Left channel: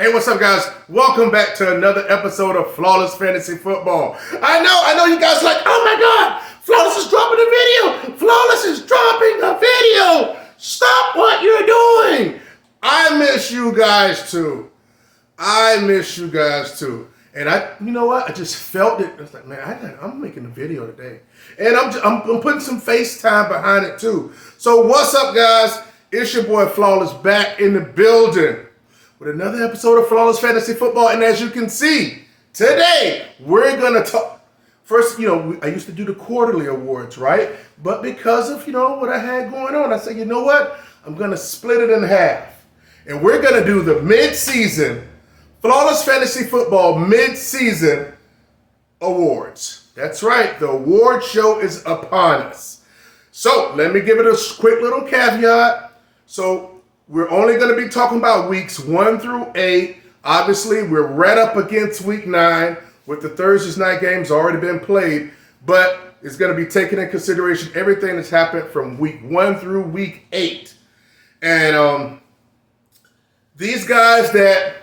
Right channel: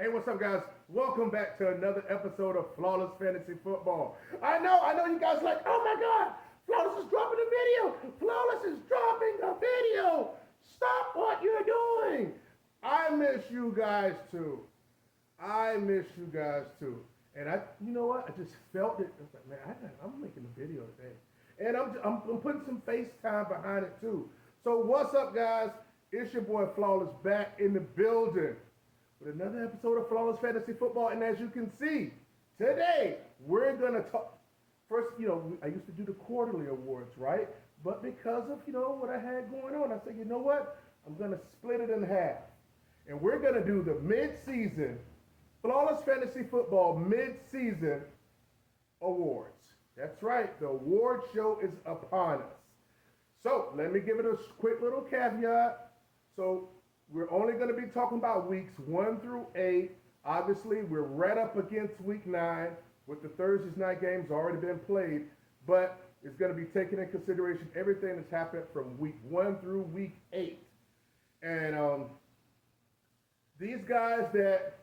Hey, what's up, guys? Welcome back to another episode of Flawless Fantasy Football. I know you guys are like, oh my God, Flawless is dropping a video. Flawless is dropping a video. Stop what you're doing. I miss you guys too. And you know what? I just felt it. I was like, man, I'm making a video today. And I'm putting some FaceTime behind it too. So what's up, guys? It's your boy Flawless back in the building with another episode of Flawless Fantasy Football. And as you can see, today we're going to talk. First, I used to do the quarterly awards, right? But because of, what I had going on, I said, you know what? I'm going to split it in half. And we're going to do the mid-season Flawless Fantasy Football mid-season awards. That's right. The award show is upon us. So let me give it a quick little caveat. So we're only going to be talking about weeks 1 through 8. Obviously, we're right up against week 9 with the Thursday night games already been played, but it's going to be taken in consideration everything that's happened from week 1 through week 8. And these guys that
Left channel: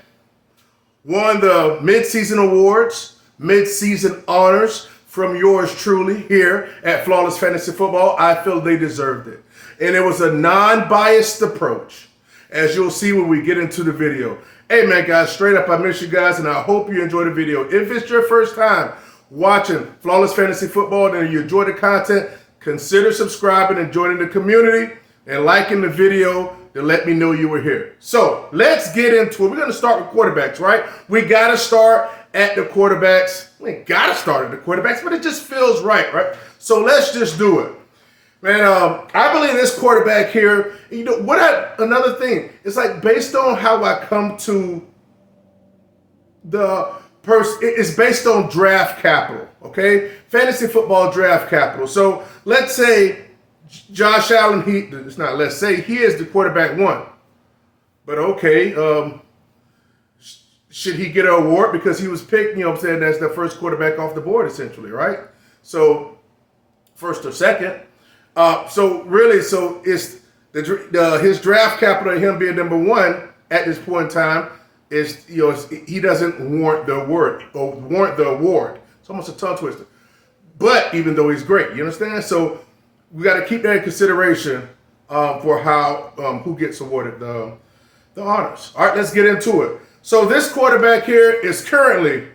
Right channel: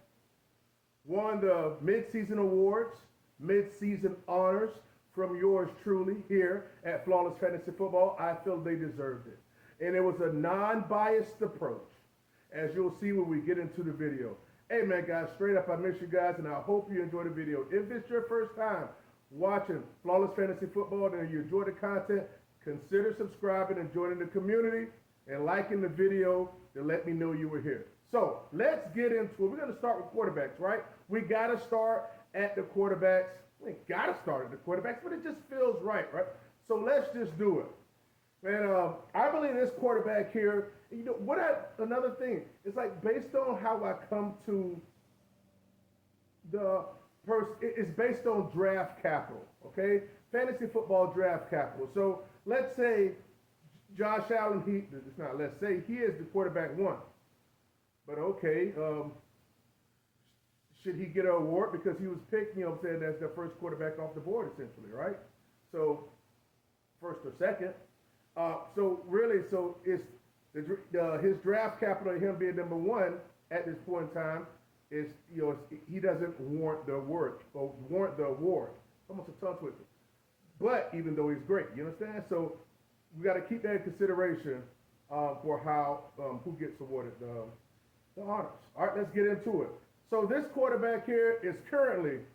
won the mid-season awards, mid-season honors from yours truly here at Flawless Fantasy Football, I feel they deserved it. And it was a non-biased approach, as you'll see when we get into the video. Hey, man, guys, straight up, I miss you guys, and I hope you enjoy the video. If it's your first time watching Flawless Fantasy Football and you enjoy the content, consider subscribing and joining the community and liking the video to let me know you were here. So let's get into it. We're going to start with quarterbacks, right? We got to start at the quarterbacks. We ain't got to start at the quarterbacks, but it just feels right? So let's just do it. Man, I believe this quarterback here, another thing, it's like based on how I come to the person, it's based on draft capital, okay? Fantasy football draft capital. So let's say Josh Allen, he is the quarterback 1. But okay, should he get an award because he was picked, as the first quarterback off the board essentially, right? So first or second. So it's his draft capital and him being number 1 at this point in time is, he doesn't warrant the award. It's almost a tongue twister. But even though he's great, you understand? So we got to keep that in consideration for how who gets awarded the honors. All right, let's get into it. So this quarterback here is currently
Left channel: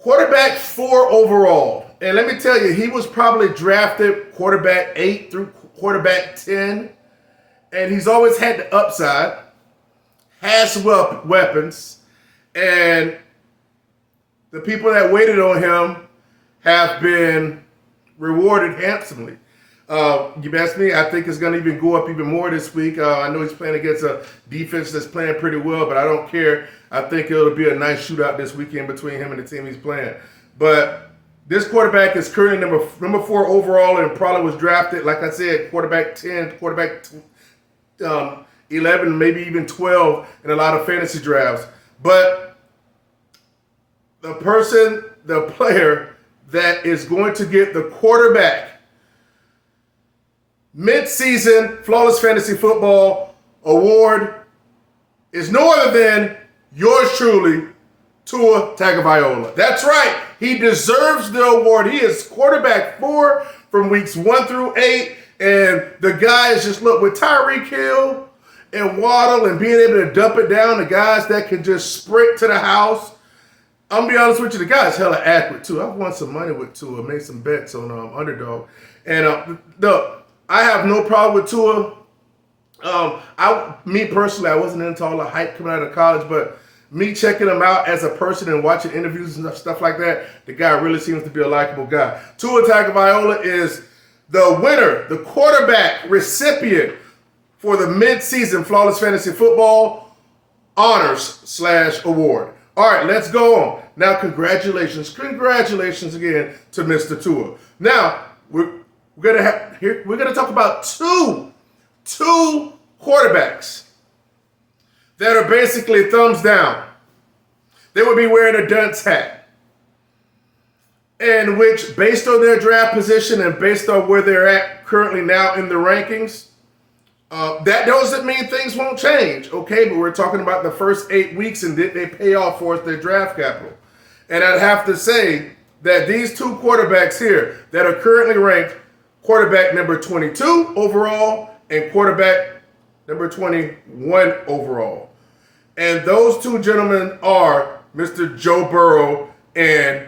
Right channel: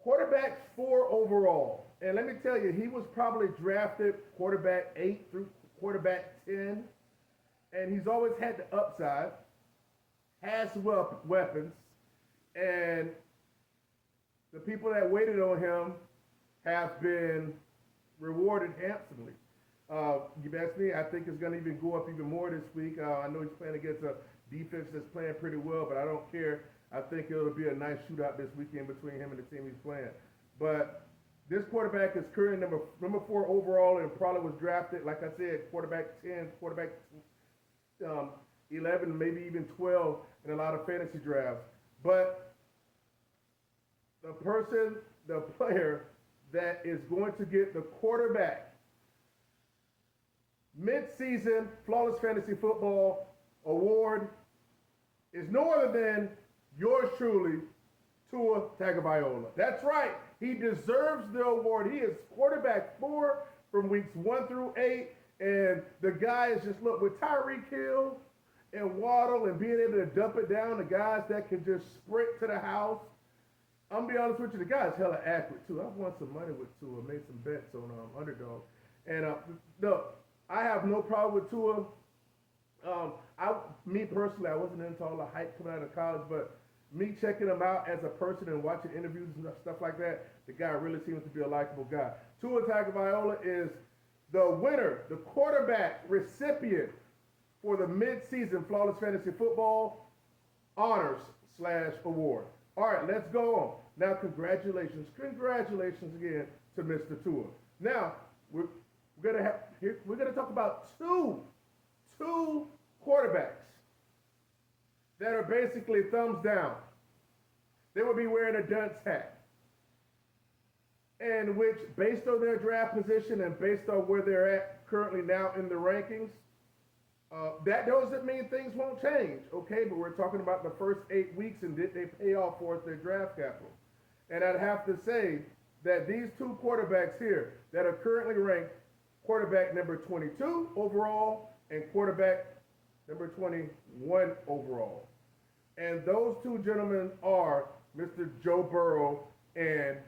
quarterback 4 overall. And let me tell you, he was probably drafted quarterback 8 through quarterback 10. And he's always had the upside, has weapons, and the people that waited on him have been rewarded handsomely. You ask me, I think it's going to even go up even more this week. I know he's playing against a defense that's playing pretty well, but I don't care. I think it'll be a nice shootout this weekend between him and the team he's playing. But this quarterback is currently number 4 overall and probably was drafted, like I said, quarterback 10, quarterback 11, maybe even 12 in a lot of fantasy drafts. But the player that is going to get the quarterback mid-season Flawless Fantasy Football award is no other than yours truly, Tua Tagovailoa. That's right. He deserves the award. He is quarterback 4 from weeks 1 through 8. And the guy is just, look, with Tyreek Hill and Waddle and being able to dump it down, the guys that can just sprint to the house. I'm going to be honest with you, the guy's hella accurate, too. I've won some money with Tua, made some bets on Underdog. And I have no problem with Tua. Me personally, I wasn't into all the hype coming out of college, but me checking him out as a person and watching interviews and stuff like that, the guy really seems to be a likable guy. Tua Tagovailoa is the winner, the quarterback recipient for the mid-season Flawless Fantasy Football honors/award. All right, let's go on. Now, congratulations again to Mr. Tua. Now, we're gonna talk about two quarterbacks that are basically thumbs down. They would be wearing a dunce hat. And which, based on their draft position and based on where they're at currently now in the rankings, That doesn't mean things won't change, okay? But we're talking about the first 8 weeks and did they pay off for us their draft capital? And I'd have to say that these two quarterbacks here that are currently ranked quarterback number 22 overall and quarterback number 21 overall. And those two gentlemen are Mr. Joe Burrow and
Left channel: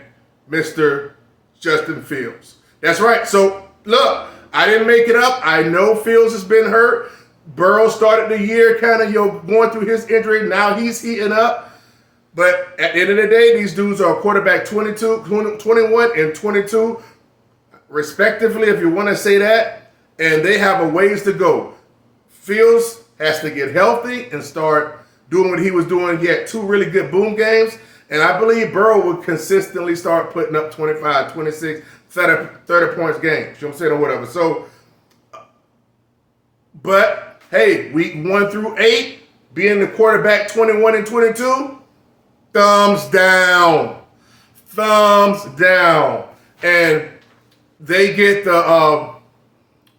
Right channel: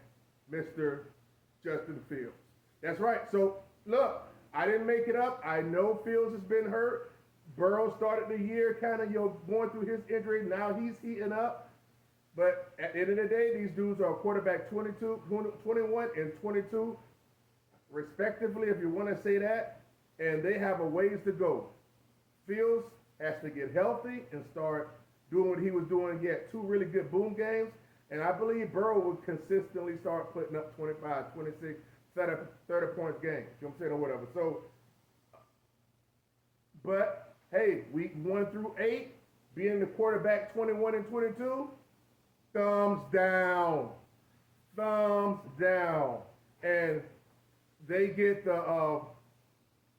Mr. Justin Fields. That's right. So, look, I didn't make it up. I know Fields has been hurt. Burrow started the year kind of going through his injury. Now he's heating up. But at the end of the day, these dudes are quarterback 22, 21, and 22, respectively, if you want to say that. And they have a ways to go. Fields has to get healthy and start doing what he was doing. He had 2 really good boom games. And I believe Burrow will consistently start putting up 25, 26, 30 points games. You know what I'm saying, or whatever. So, but, hey, week 1 through 8, being the quarterback 21 and 22, thumbs down. Thumbs down. And they get the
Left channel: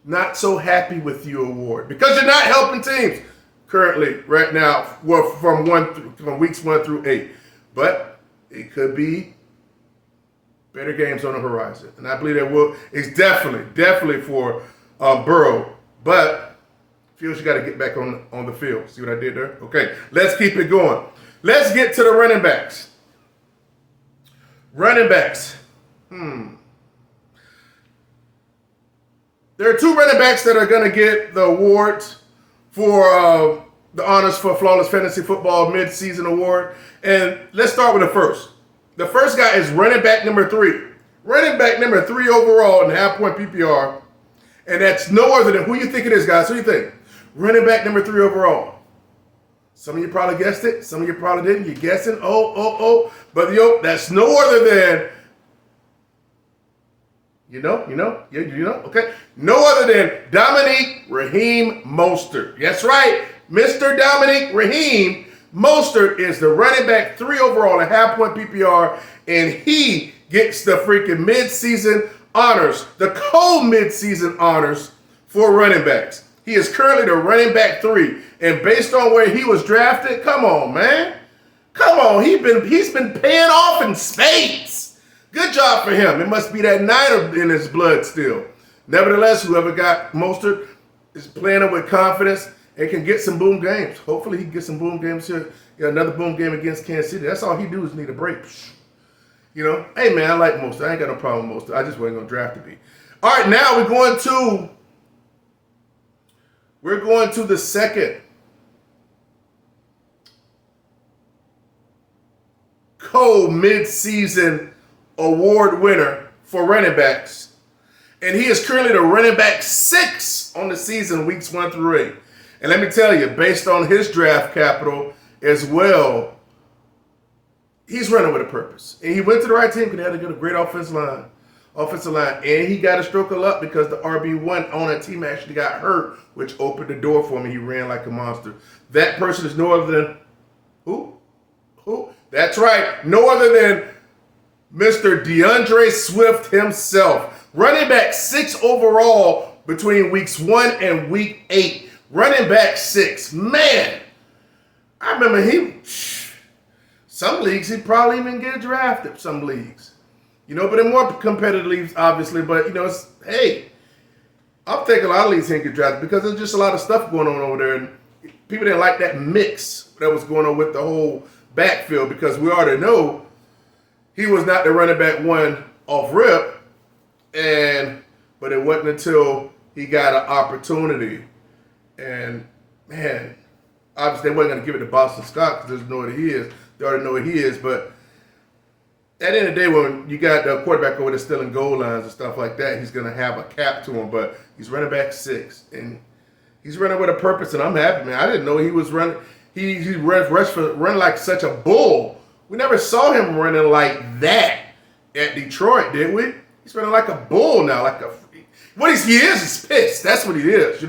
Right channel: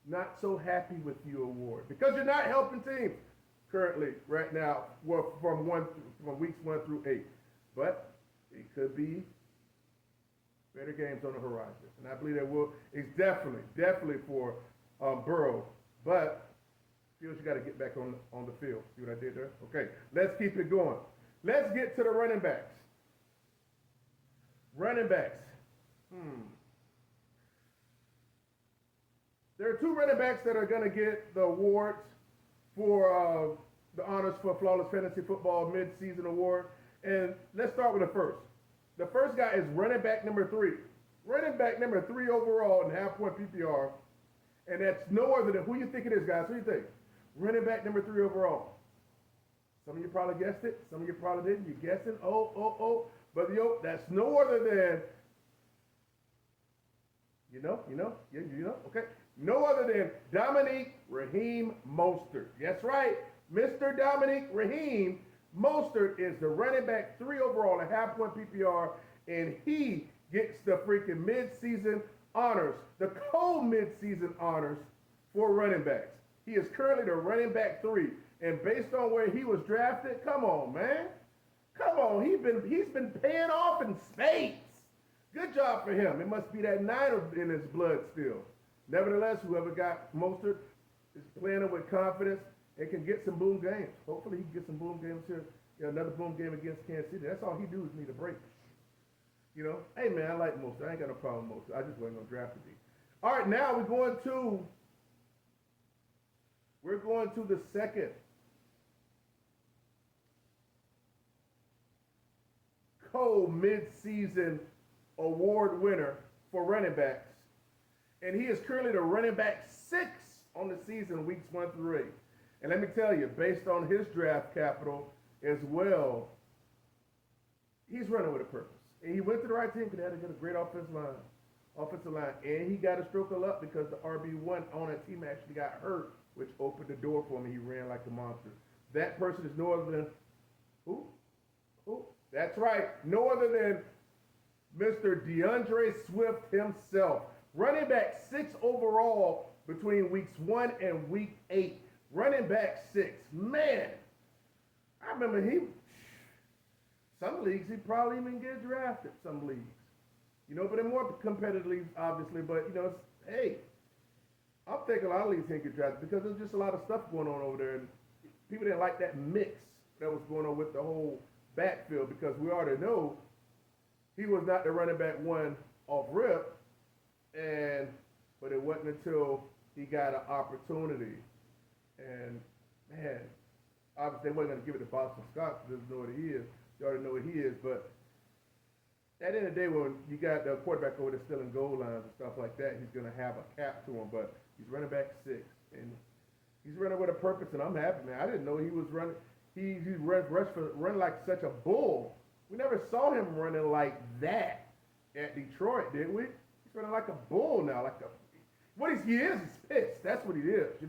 not so happy with you award because you're not helping teams currently right now from weeks 1 through 8. But it could be better games on the horizon. And I believe that it's definitely for Burrow. But Fields, you got to get back on the field. See what I did there? Okay, let's keep it going. Let's get to the running backs. Running backs. There are 2 running backs that are going to get the awards for the honors for Flawless Fantasy Football Mid-Season Award. And let's start with the first. The first guy is running back number 3. Running back number 3 overall in half-point PPR. And that's no other than, who you think it is, guys? Who you think? Running back number 3 overall. Some of you probably guessed it. Some of you probably didn't. You're guessing. But that's no other than, you know? Okay. No other than Dominique Raheem Mostert. That's right. Mr. Dominique Raheem Mostert is the running back 3 overall in half-point PPR, and he gets the freaking mid-season honors, the co-mid-season honors for running backs. He is currently the running back 3, and based on where he was drafted, come on, man. Come on, he's been paying off in spades. Good job for him. It must be that Niner in his blood still. Nevertheless, whoever got Mostert is playing it with confidence and can get some boom games. Hopefully he can get some boom games here. Another boom game against Kansas City. That's all he do is need a break. Hey man, I like Mostert. I ain't got no problem with Mostert. I just wasn't gonna draft him. All right, now we're going to the second co-mid-season award winner for running backs. And he is currently the running back 6 on the season, weeks 1 through 8. And let me tell you, based on his draft capital as well, he's running with a purpose. And he went to the right team because they had a great offensive line. And he got a stroke of luck because the RB1 on that team actually got hurt, which opened the door for him. He ran like a monster. That person is no other than who? That's right. No other than Mr. DeAndre Swift himself. Running back 6 overall between weeks 1 and week 8. Running back 6. Man, I remember some leagues he'd probably even get drafted, some leagues. But in more competitive leagues, obviously. But, I'll take a lot of leagues he get drafted because there's just a lot of stuff going on over there. And people didn't like that mix that was going on with the whole backfield because we already know he was not the running back 1 off rip. But it wasn't until he got an opportunity. And, man, obviously they wasn't going to give it to Boston Scott because they already know what he is. But at the end of the day, when you got the quarterback over there stealing goal lines and stuff like that, he's going to have a cap to him. But he's running back 6. And he's running with a purpose, and I'm happy, man. I didn't know he was running. He running like such a bull. We never saw him running like that at Detroit, did we? He's running like a bull now, what he is pissed. That's what he is,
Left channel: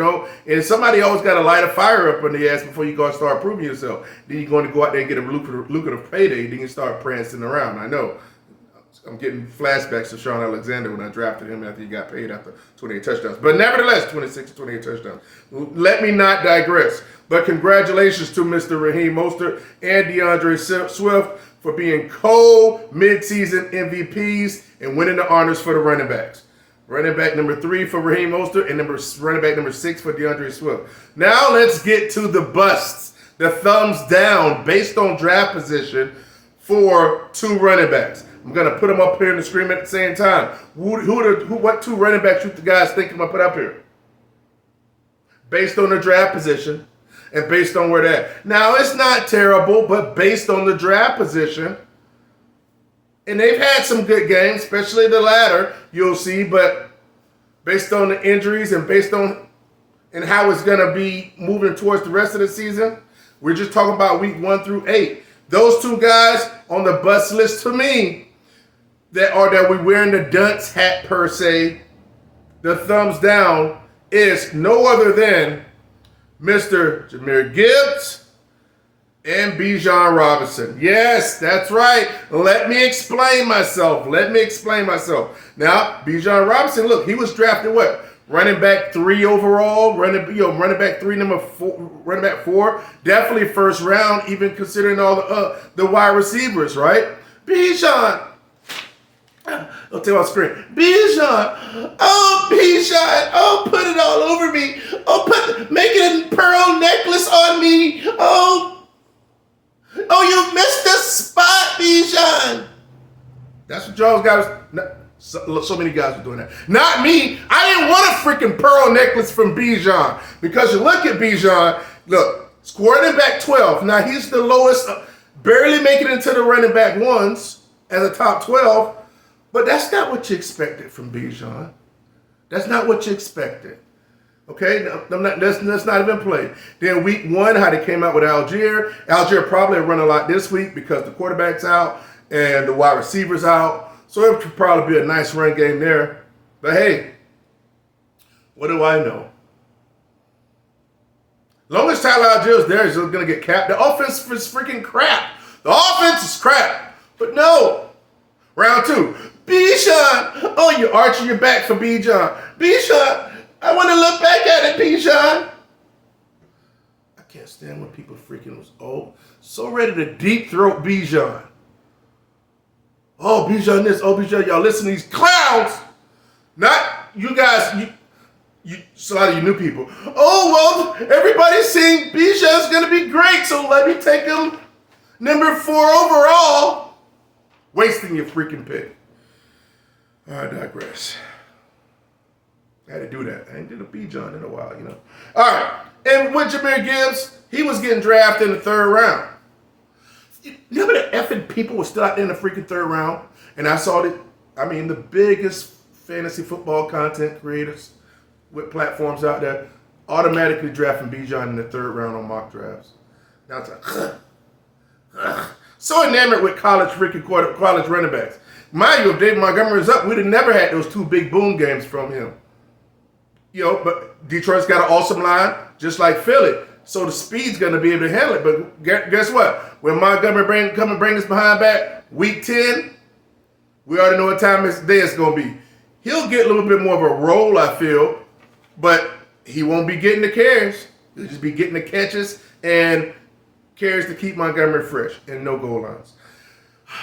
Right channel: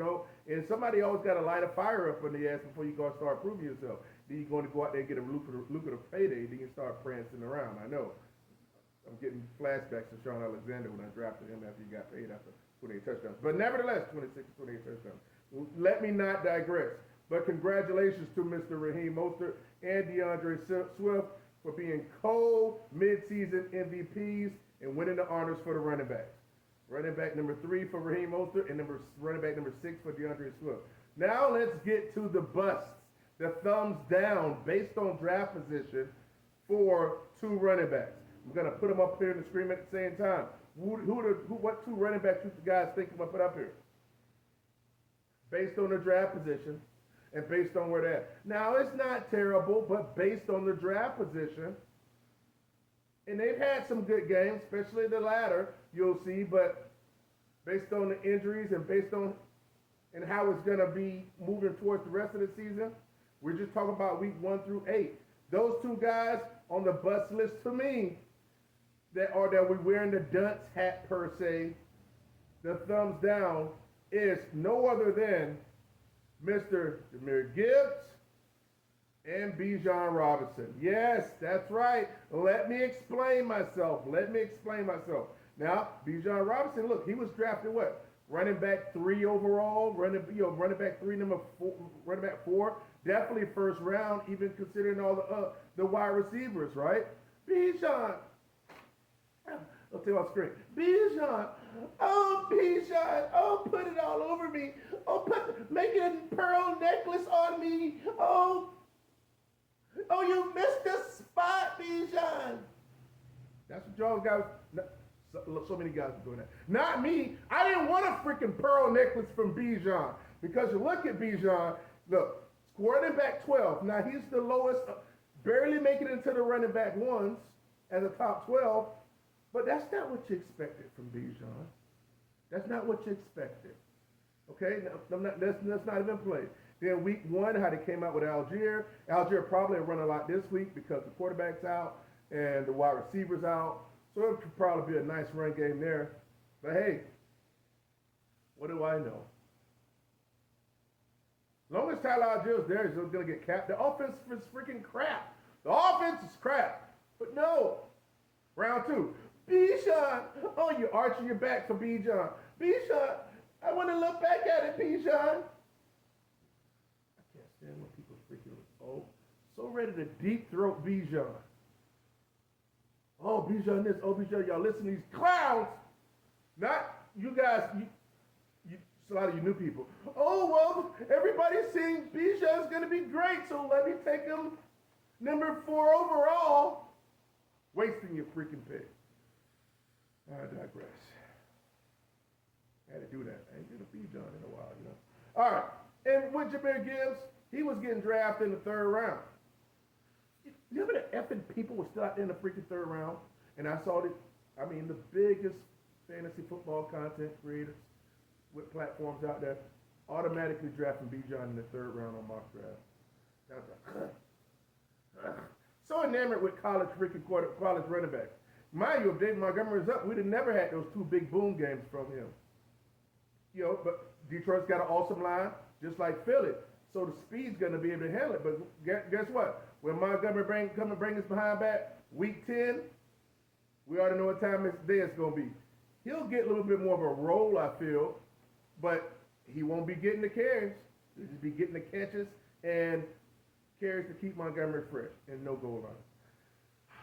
And somebody always got to light a fire up on the ass before you go and start proving yourself. Then you're going to go out there and get a lucrative payday. Then you start prancing around. I know. I'm getting flashbacks to Sean Alexander when I drafted him after he got paid after 28 touchdowns. But nevertheless, 26 to 28 touchdowns. Let me not digress. But congratulations to Mr. Raheem Mostert and DeAndre Swift for being co-midseason MVPs and winning the honors for the running backs. Running back number 3 for Raheem Mostert and running back number 6 for DeAndre Swift. Now let's get to the busts, the thumbs down based on draft position for 2 running backs. I'm gonna put them up here on the screen at the same time. What 2 running backs you guys think I'm gonna put up here? Based on the draft position and based on where they're at. Now it's not terrible, but based on the draft position, and they've had some good games, especially the latter, you'll see, but based on the injuries and based on and how it's gonna be moving towards the rest of the season, we're just talking about week 1 through 8. Those 2 guys on the bust list to me that we wearing the dunce hat per se, the thumbs down, is no other than Mr. Jahmyr Gibbs and Bijan Robinson. Yes, that's right. Let me explain myself. Now, Bijan Robinson, look, he was drafted what? Running back 3 overall, running back 3, number 4, running back 4, definitely first round, even considering all the wide receivers, right? Bijan, I'll tell you on screen. Bijan, oh, put it all over me. Oh, make it a pearl necklace on me. Oh, you missed the spot, Bijan. That's what y'all guys. So many guys were doing that. Not me. I didn't want a freaking pearl necklace from Bijan. Because you look at Bijan, look, running back 12. Now he's the lowest, barely making it into the running back ones as a top 12. But that's not what you expected from Bijan. That's not what you expected. Okay, let's not even play. Then week 1, how they came out with Algier. Algier probably run a lot this week because the quarterback's out and the wide receiver's out. So it could probably be a nice run game there. But hey, what do I know? Long as Tyler Algier is there, he's going to get capped. The offense is freaking crap. The offense is crap. But no. Round 2. Bijan. Oh, you're arching your back for Bijan. Bijan. I want to look back at it, Bijan. I can't stand when people freaking was so ready to deep throat Bijan. Oh, Bijan this. Oh, Bijan, y'all listen to these clowns. Not you guys. It's a lot of you new people. Oh, well, everybody's saying Bijan's going to be great, so let me take him number 4 overall. Wasting your freaking pick. I digress. I had to do that. I ain't did a Bijan in a while, you know. All right. And with Jahmyr Gibbs, he was getting drafted in the 3rd round. You know how many effing people were still out there in the freaking 3rd round? And I saw the biggest fantasy football content creators with platforms out there automatically drafting Bijan in the 3rd round on mock drafts. Now it's like, so enamored with college running backs. Mind you, if David Montgomery was up, we'd have never had those 2 big boom games from him. You know, but Detroit's got an awesome line, just like Philly. So the speed's going to be able to handle it. But guess what? When Montgomery come and bring us behind back, week 10, we already know what time of day it's going to be. He'll get a little bit more of a role, I feel, but he won't be getting the carries. He'll just be getting the catches and carries to keep Montgomery fresh and no goal lines.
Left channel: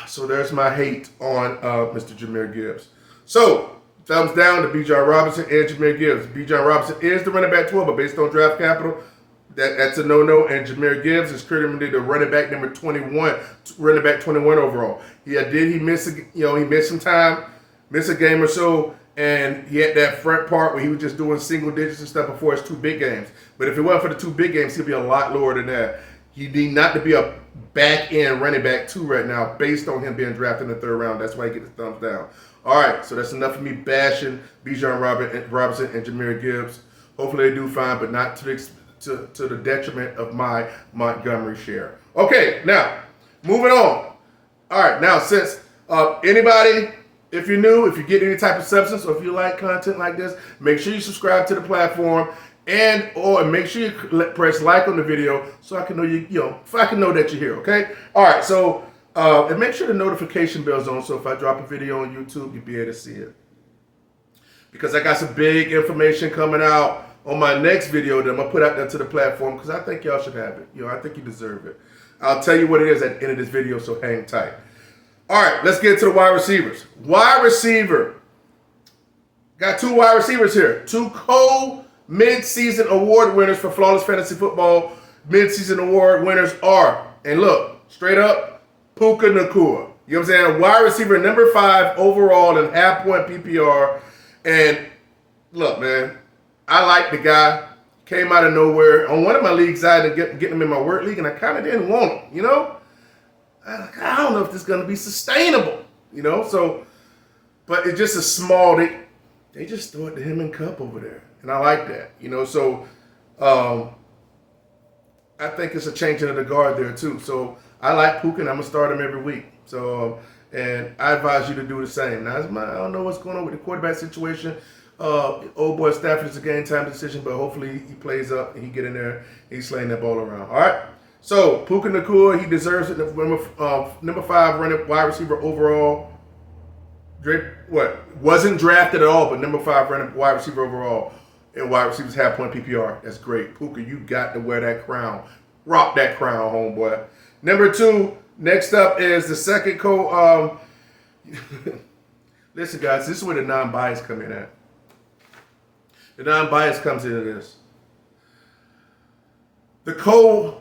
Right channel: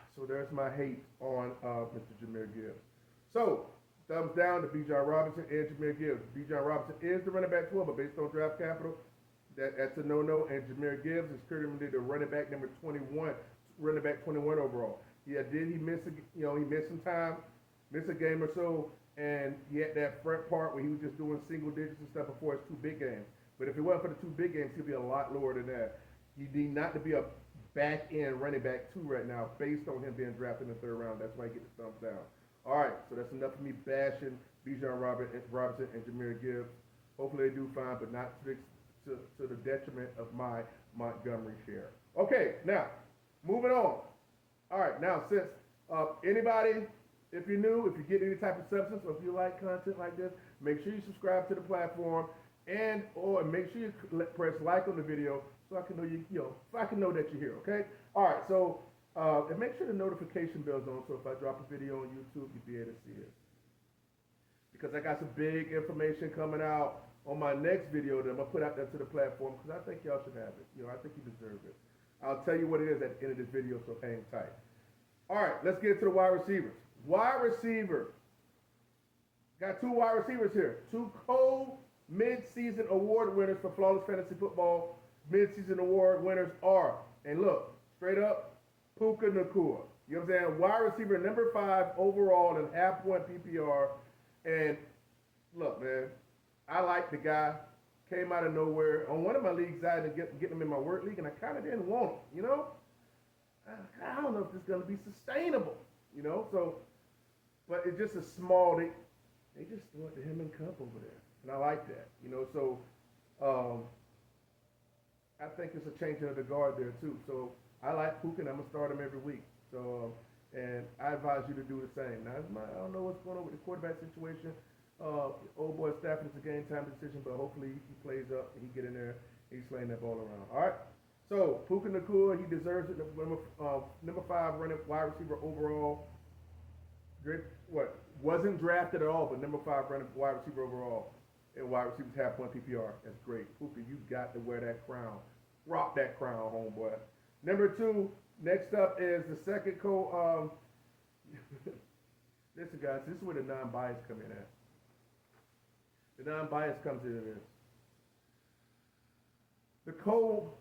So there's my hate on Mr. Jahmyr Gibbs. So thumbs down to Bijan Robinson and Jahmyr Gibbs. Bijan Robinson is the running back 12, but based on draft capital, that's a no-no. And Jahmyr Gibbs is currently the running back number 21, running back 21 overall. He missed some time, missed a game or so, and he had that front part where he was just doing single digits and stuff before his 2 big games. But if it wasn't for the 2 big games, he'd be a lot lower than that. He need not to be a back-end running back 2 right now based on him being drafted in the 3rd round. That's why he gets the thumbs down. All right, so that's enough of me bashing Bijan Robinson and Jahmyr Gibbs. Hopefully they do fine, but not to the detriment of my Montgomery share. Okay, now, moving on. All right, now since anybody, if you're new, if you get any type of substance, or if you like content like this, make sure you subscribe to the platform. Or make sure you press like on the video so I can know so I can know that you're here, okay? All right, so And make sure the notification bell's on, so if I drop a video on YouTube, you'll be able to see it. Because I got some big information coming out on my next video that I'm going to put out there to the platform, because I think y'all should have it. I think you deserve it. I'll tell you what it is at the end of this video, so hang tight. All right, let's get to the wide receivers. Wide receiver. Got 2 wide receivers here. 2 mid-season award winners for Flawless Fantasy Football. Mid-season award winners are, and look, straight up, Puka Nacua. You know what I'm saying? Wide receiver number 5 overall in half-point PPR. And look, man, I like the guy. Came out of nowhere. On one of my leagues, I had to get him in my work league, and I kind of didn't want him, you know? I don't know if this is going to be sustainable, you know? So, but it's just a small, they just throw it to him and Cup over there. And I like that, you know? So, I think it's a changing of the guard there, too. So, I like Puka, and I'm going to start him every week. So, and I advise you to do the same. Now, I don't know what's going on with the quarterback situation. Old boy Stafford is a game time decision, but hopefully he plays up and he get in there and he's slaying that ball around. All right. So Puka Nacua, he deserves it. Number 5 wide receiver overall. Wasn't drafted at all, but number 5 running wide receiver overall. And wide receivers half-point PPR. That's great. Puka, you got to wear that crown. Rock that crown, homeboy. Number 2, next up is the second Listen, guys, this is where the non-bias come in at. The non-bias comes into this. The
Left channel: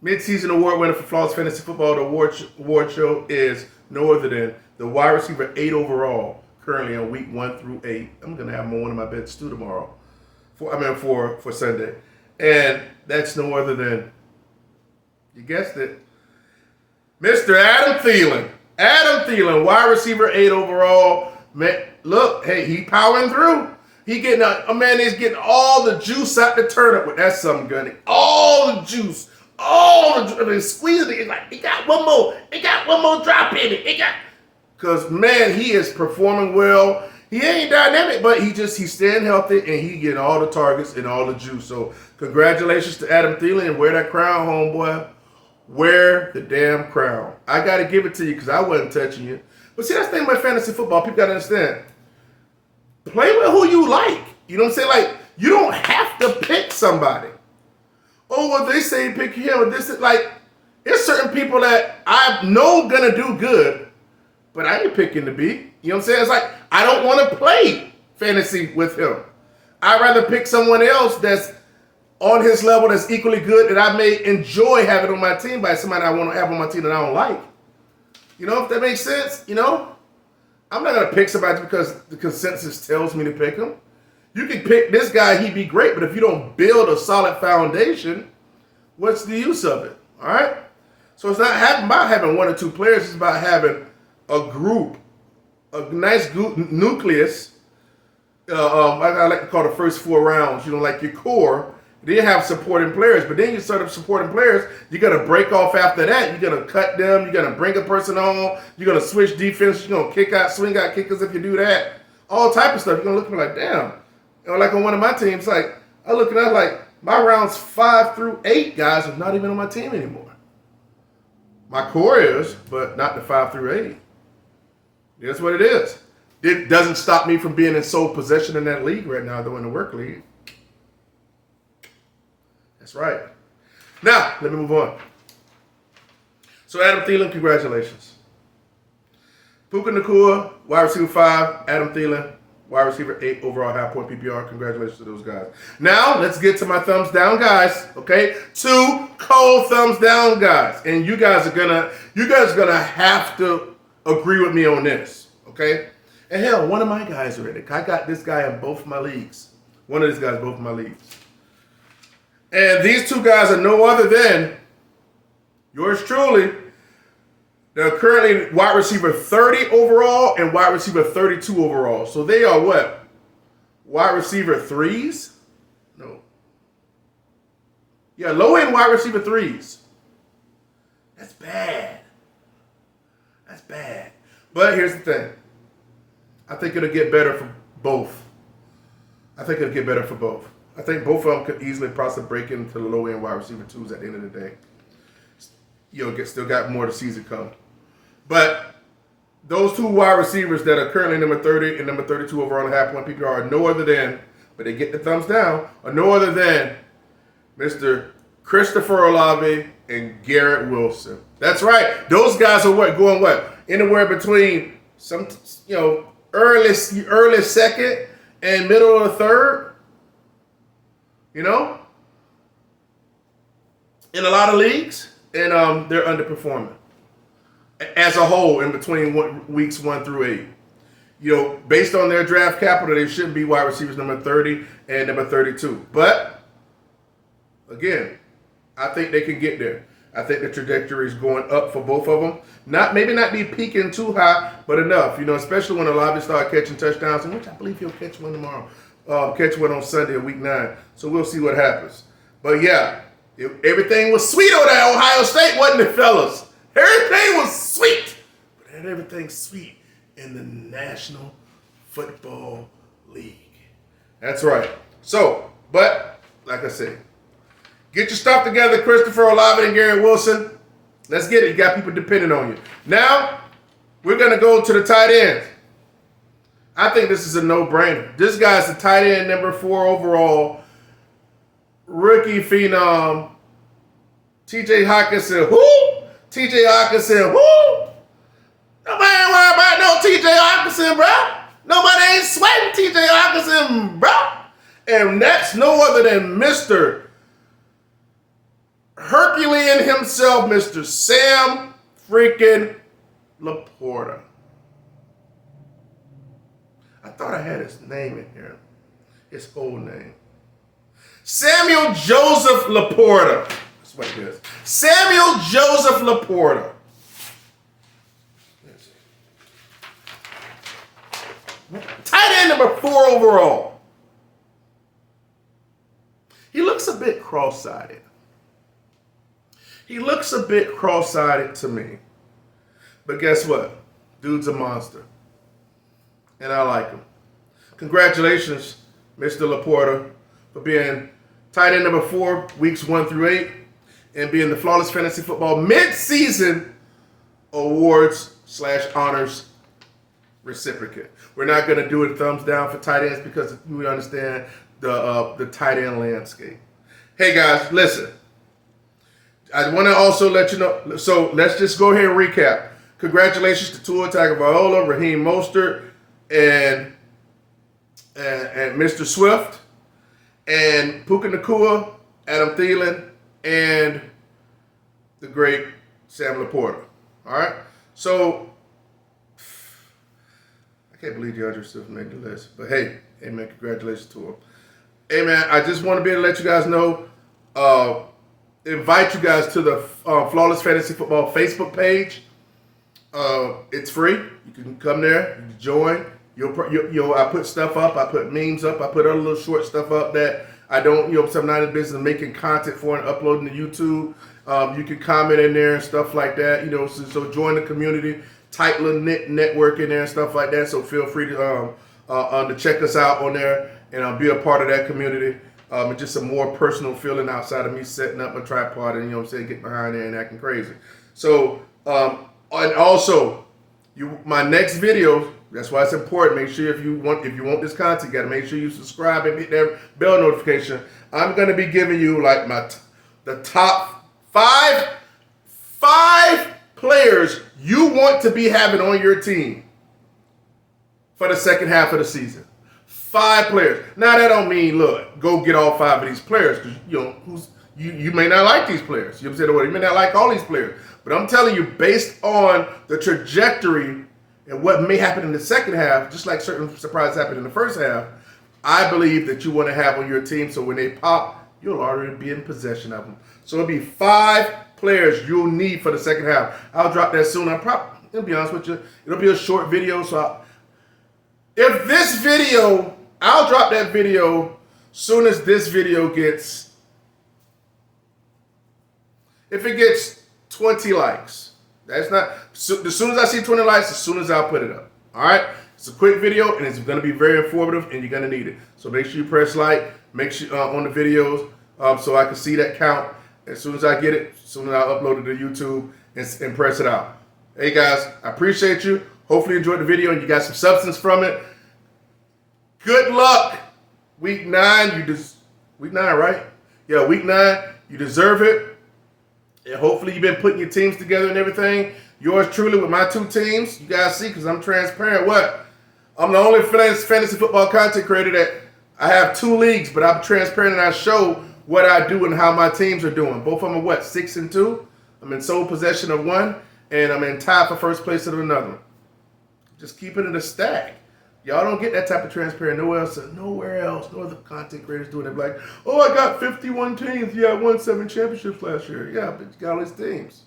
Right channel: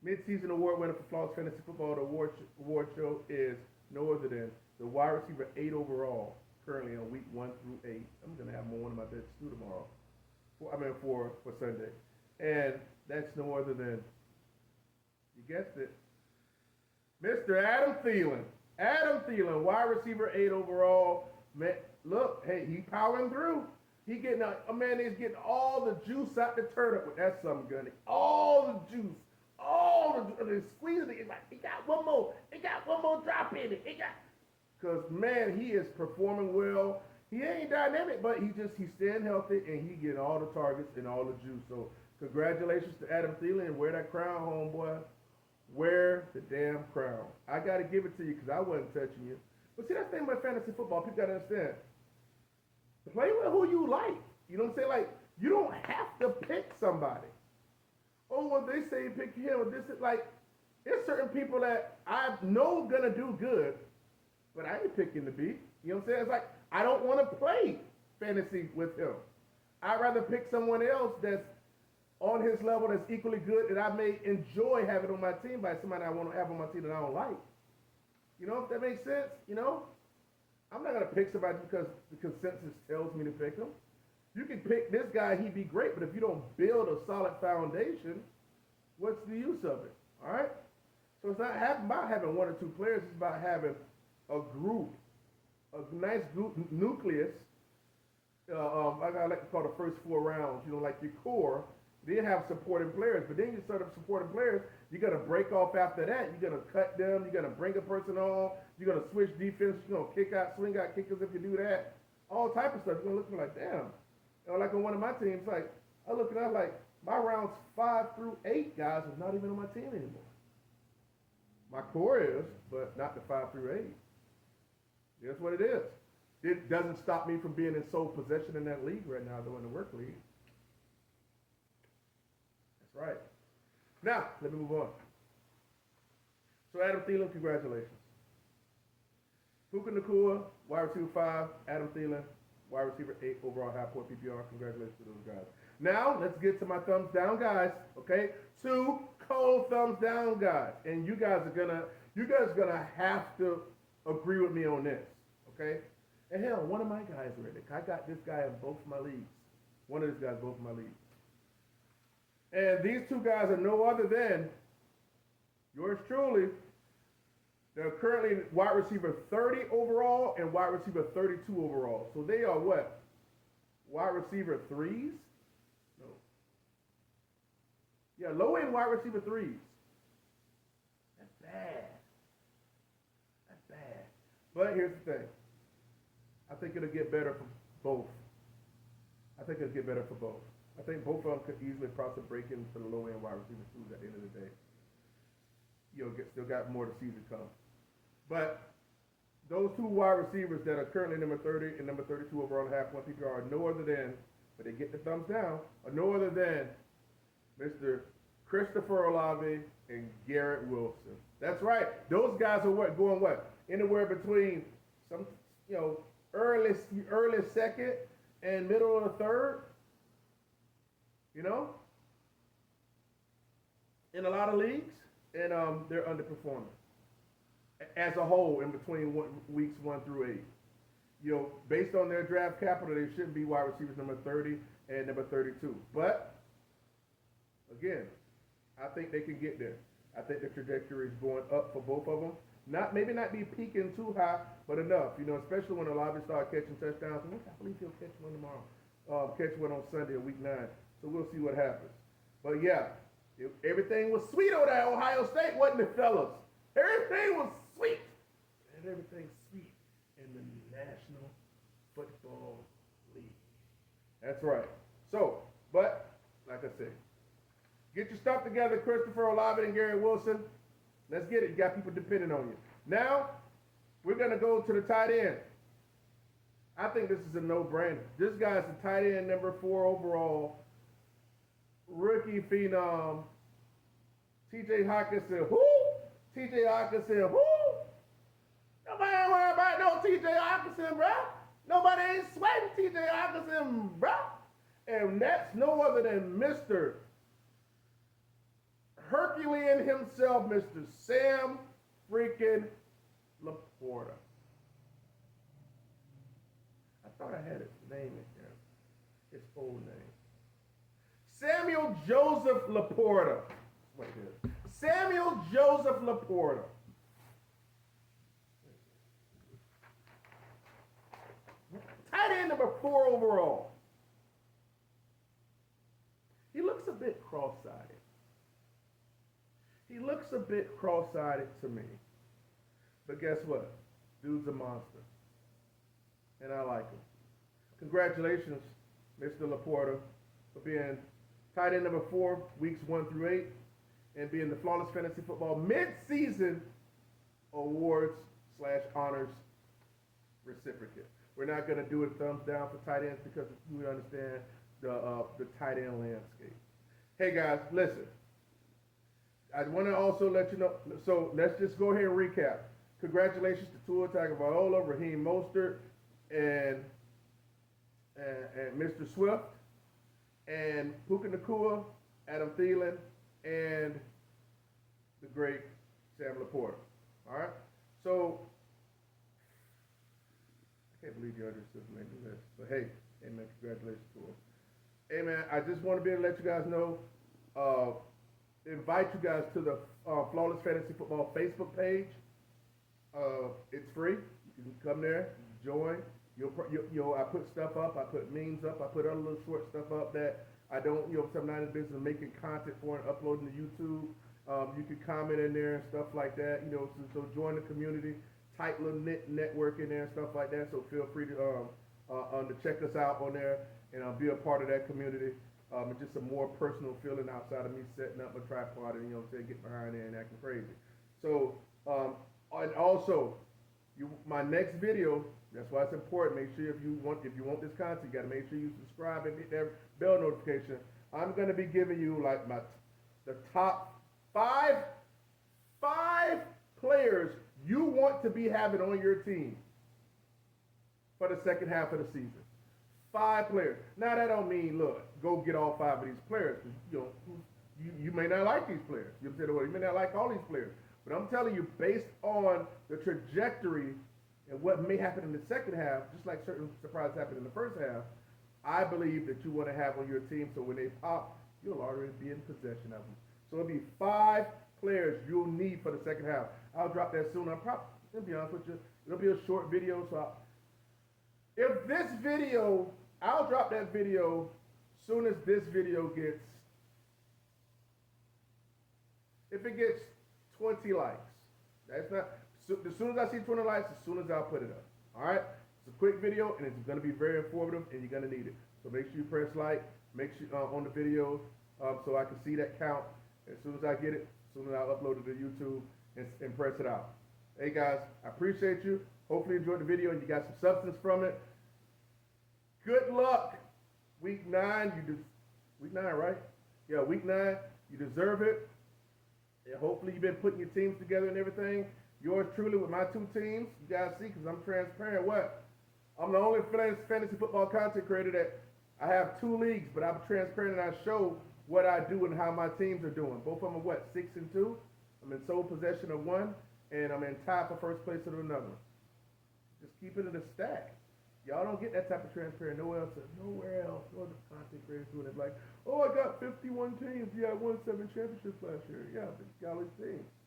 mid-season award winner for Flawless Fantasy Football, the award show is no other than the wide receiver 8 overall, currently on week 1 through 8. I'm gonna have him on one of my bets too tomorrow. For Sunday, and that's no other than, you guessed it, Mr. Adam Thielen. Adam Thielen, wide receiver 8 overall. Man, look, hey, he powering through. He getting a man is getting all the juice out the turnip with that something gunny. All the juice. Squeezing it. It's like, it got one more drop in it. Because, man, he is performing well. He ain't dynamic, but he's staying healthy, and he getting all the targets and all the juice. So, congratulations to Adam Thielen, and wear that crown, homeboy. Wear the damn crown. I got to give it to you because I wasn't touching you. But see, that's the thing about fantasy football. People got to understand. Play with who you like. You know what I'm saying? Like, you don't have to pick somebody. Oh, well, they say pick him. Or this is like, there's certain people that I know gonna do good, but I ain't picking to be. You know what I'm saying? It's like, I don't want to play fantasy with him. I'd rather pick someone else that's on his level that's equally good that I may enjoy having on my team by somebody I want to have on my team that I don't like. You know, if that makes sense, you know? I'm not going to pick somebody because the consensus tells me to pick him. You can pick this guy, he'd be great, but if you don't build a solid foundation, what's the use of it? All right? So it's not about having 1 or 2 players. It's about having a group, a nice group, nucleus. I like to call the first 4 rounds, you know, like your core. Then you have supporting players, but then you start up supporting players. You're going to break off after that. You're going to cut them. You're going to bring a person on. You're going to switch defense. You're going to kick out, swing out kickers if you do that. All type of stuff. You're going to look at me like, damn. You know, like on one of my teams, like, I look at that like, my rounds 5 through 8 guys are not even on my team anymore. My core is, but not the 5 through 8. That's what it is. It doesn't stop me from being in sole possession in that league right now, though, in the work league. That's right. Now, let me move on. So, Adam Thielen, congratulations. Puka Nacua, wide receiver 5. Adam Thielen, wide receiver 8 overall half-point PPR. Congratulations to those guys. Now, let's get to my thumbs down guys, okay? 2 cold thumbs down guys. And you guys are gonna have to agree with me on this, okay? And hell, one of my guys already. I got this guy in both my leagues. One of these guys in both my leagues. And these 2 guys are no other than yours truly. They're currently wide receiver 30 overall and wide receiver 32 overall. So they are what? Wide receiver 3s? No. Yeah, low-end wide receiver 3s. That's bad. That's bad. But here's the thing. I think it'll get better for both. I think both of them could easily possibly break into the low-end wide receiver 2s at the end of the day. still got more of the season coming. But those two wide receivers that are currently number 30 and number 32 overall in half point PPR are no other than, but they get the thumbs down, are no other than Mr. Christopher Olave and Garrett Wilson. That's right. Those guys are going anywhere between some early second and middle of the third. In a lot of leagues, and they're underperforming as a whole in between weeks 1 through 8. Based on their draft capital, they should be wide receivers number 30 and number 32. But again, I think they can get there. I think the trajectory is going up for both of them. Maybe not be peaking too high, but enough. Especially when Olave start catching touchdowns, which I believe he'll catch one tomorrow. Catch one on Sunday of week 9. So we'll see what happens. But yeah, everything was sweet over there at Ohio State, wasn't it, fellas? Everything was sweet. But everything's sweet in the National Football League. That's right. So, but like I said, get your stuff together, Christopher Olave and Garrett Wilson. Let's get it. You got people depending on you. Now, we're going to go to the tight ends. I think this is a no-brainer. This guy's the tight end number 4 overall, rookie phenom, T.J. Hockenson. Who? T.J. Hockenson. Who? Nobody ain't worried about no T.J. Hockenson, bro. Nobody ain't sweating T.J. Hockenson, bro. And that's no other than Mr. Herculean himself, Mr. Sam freaking Laporta. I thought I had his name in here. His whole name. Samuel Joseph Laporta. That's what it is. Samuel Joseph Laporta. Tight end number 4 overall. He looks a bit cross-sided. He looks a bit cross-sided to me. But guess what? Dude's a monster. And I like him. Congratulations, Mr. Laporta, for being tight end number 4, weeks 1 through 8, and being the Flawless Fantasy Football mid-season awards/honors recipient. We're not going to do a thumbs down for tight ends because we understand the tight end landscape. Hey guys, listen. I want to also let you know, so let's just go ahead and recap. Congratulations to Tua Tagovailoa, Raheem Mostert, and Mr. Swift, and Puka Nacua, Adam Thielen, and the great Sam Laporta. All right? So, I can't believe DeAndre Swift made the list. But hey, man, congratulations to him. Hey, man, I just want to be able to let you guys know, invite you guys to the Flawless Fantasy Football Facebook page. It's free. You can come there, you can join. I put stuff up. I put memes up. I put other little short stuff up that I don't, I'm not in the business of making content for and uploading to YouTube. You can comment in there and stuff like that. So join the community. Tight little network in there and stuff like that. So feel free to check us out on there and be a part of that community. It's just a more personal feeling outside of me setting up a tripod and, getting behind there and acting crazy. So, and also, my next video, that's why it's important. Make sure if you want this content, you got to make sure you subscribe and hit that bell notification. I'm going to be giving you like the top five players you want to be having on your team for the second half of the season. 5 players. Now that don't mean, look, go get all 5 of these players because you may not like these players. You know what I'm saying? You may not like all these players. But I'm telling you, based on the trajectory and what may happen in the second half, just like certain surprises happened in the first half, I believe that you want to have on your team so when they pop, you'll already be in possession of them. So it'll be 5 players you'll need for the second half. I'll drop that soon. I'll be honest with you, it'll be a short video. So if this video, I'll drop that video soon as this video gets, if it gets 20 likes. That's not, as soon as I see 20 likes, as soon as I'll put it up. All right? It's a quick video, and it's going to be very informative, and you're going to need it. So make sure you press like, make sure on the videos so I can see that count. as soon as I get it, as soon as I upload it to YouTube and press it out. Hey guys, I appreciate you. Hopefully you enjoyed the video and you got some substance from it. Good luck. Week 9, week 9, right? Yeah, week 9, you deserve it. And hopefully you've been putting your teams together and everything. Yours truly with my 2 teams. You guys see, because I'm transparent. What? I'm the only fantasy football content creator that I have 2 leagues, but I'm transparent and I show what I do and how my teams are doing. Both of them are what? 6-2. I'm in sole possession of one, and I'm in tie for first place of another. Just keeping it a stack. Y'all don't get that type of transparent nowhere else. No other content creators doing it. Like, oh, I got 51 teams. Yeah, I won 7 championships last year. Yeah, but you got all these teams.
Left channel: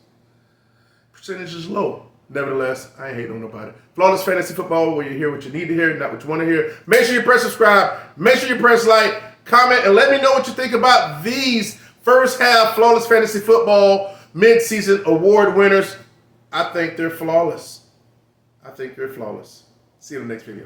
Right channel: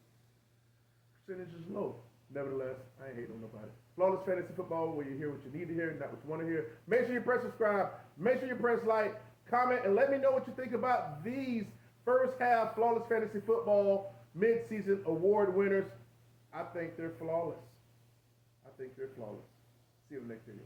Percentage is low. Nevertheless, I ain't hating on nobody. Flawless Fantasy Football, where you hear what you need to hear, not what you want to hear. Make sure you press subscribe. Make sure you press like, comment, and let me know what you think about these first half Flawless Fantasy Football mid-season award winners. I think they're flawless. See you in the next video.